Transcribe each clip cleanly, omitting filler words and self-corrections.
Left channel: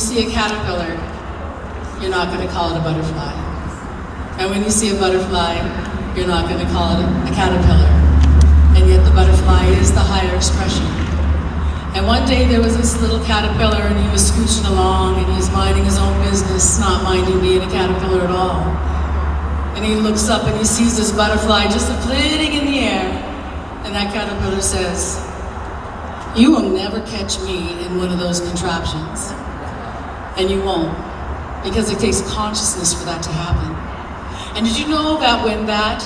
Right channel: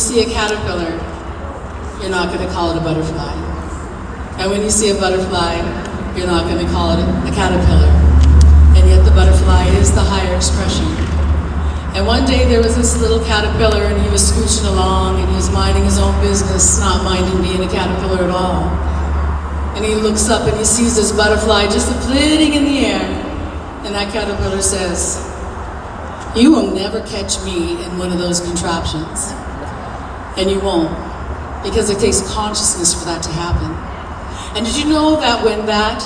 see a caterpillar, you're not going to call it a butterfly. And when you see a butterfly, you're not going to call it a caterpillar. And yet the butterfly is the higher expression. And one day there was this little caterpillar, and he was scooching along, and he was minding his own business, not minding being a caterpillar at all. And he looks up and he sees this butterfly just flitting in the air. And that caterpillar says, "You will never catch me in one of those contraptions." And you won't, because it takes consciousness for that to happen. And did you know that when that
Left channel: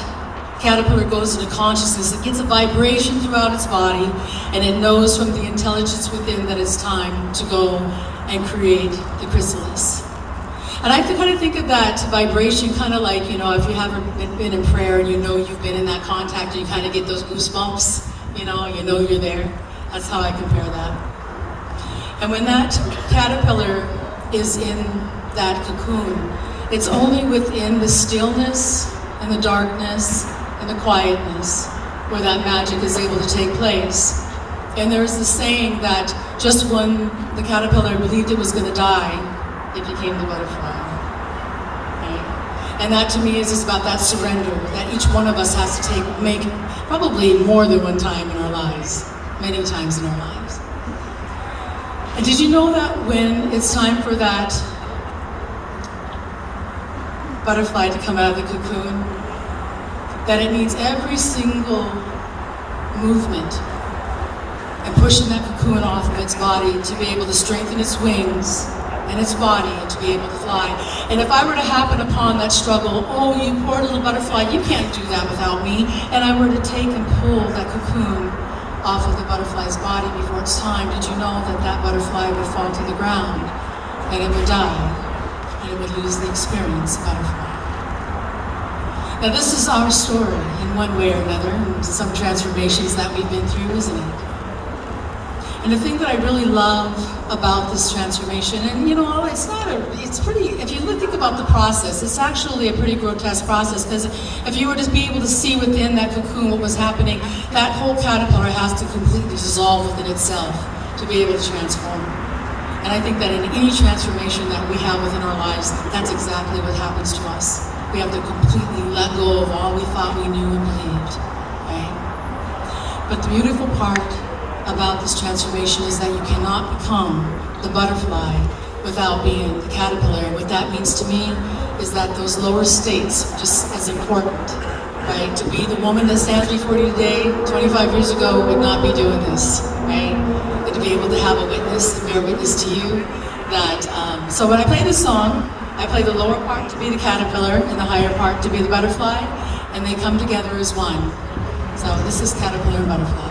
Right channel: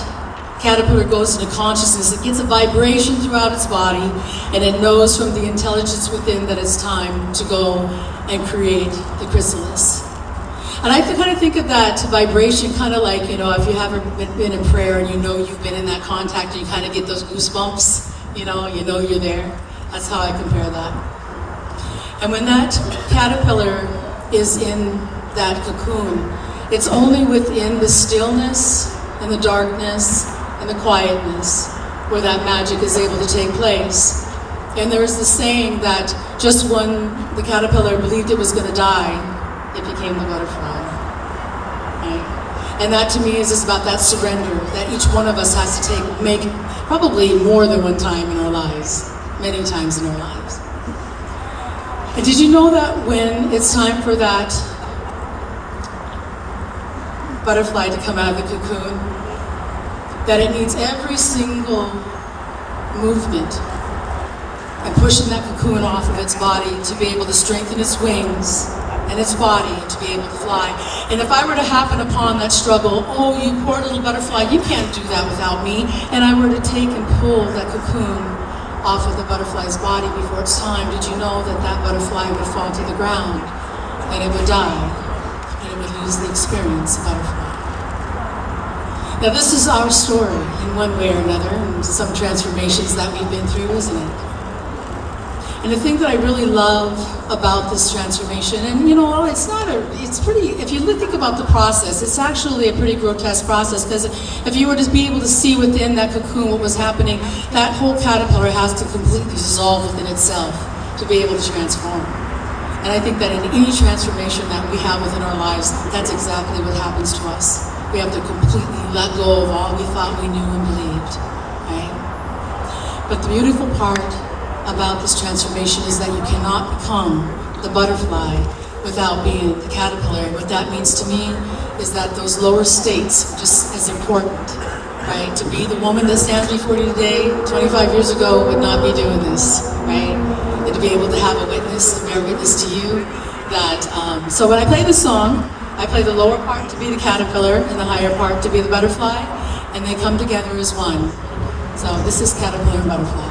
caterpillar goes into consciousness, it gets a vibration throughout its body, and it knows from the intelligence within that it's time to go and create the chrysalis. And I kind of think of that vibration kind of like, if you haven't been in prayer and you've been in that contact, you kind of get those goosebumps, you know you're there. That's how I compare that. And when that caterpillar is in that cocoon, it's only within the stillness and the darkness and the quietness where that magic is able to take place. And there's the saying that just when the caterpillar believed it was going to die, it became the butterfly. Right? And that to me is just about that surrender that each one of us has to make probably more than one time in our lives, many times in our lives. And did you know that when it's time for that butterfly to come out of the cocoon, that it needs every single movement and pushing that cocoon off of its body to be able to strengthen its wings and its body and to be able to fly. And if I were to happen upon that struggle, "Oh, you poor little butterfly, you can't do that without me," and I were to take and pull that cocoon off of the butterfly's body before its time, did you know that that butterfly would fall to the ground and it would die and it would lose the experience of butterfly? Now this is our story in one way or another, and some transformations that we've been through, isn't it? And the thing that I really love about this transformation, and it's pretty, if you think about the process, it's actually a pretty grotesque process, because if you were to be able to see within that cocoon what was happening, that whole caterpillar has to completely dissolve within itself to be able to transform. And I think that in any transformation that we have within our lives, that's exactly what happens to us. We have to completely let go of all we thought we knew and believed, right? But the beautiful part about this transformation is that you cannot become the butterfly without being the caterpillar. What that means to me is that those lower states are just as important, right? To be the woman that stands before you today, 25 years ago, would not be doing this, right? And to be able to have a witness, and bear witness to you that, so when I play this song, I play the lower part to be the caterpillar and the higher part to be the butterfly, and they come together as one. So this is caterpillar and butterfly.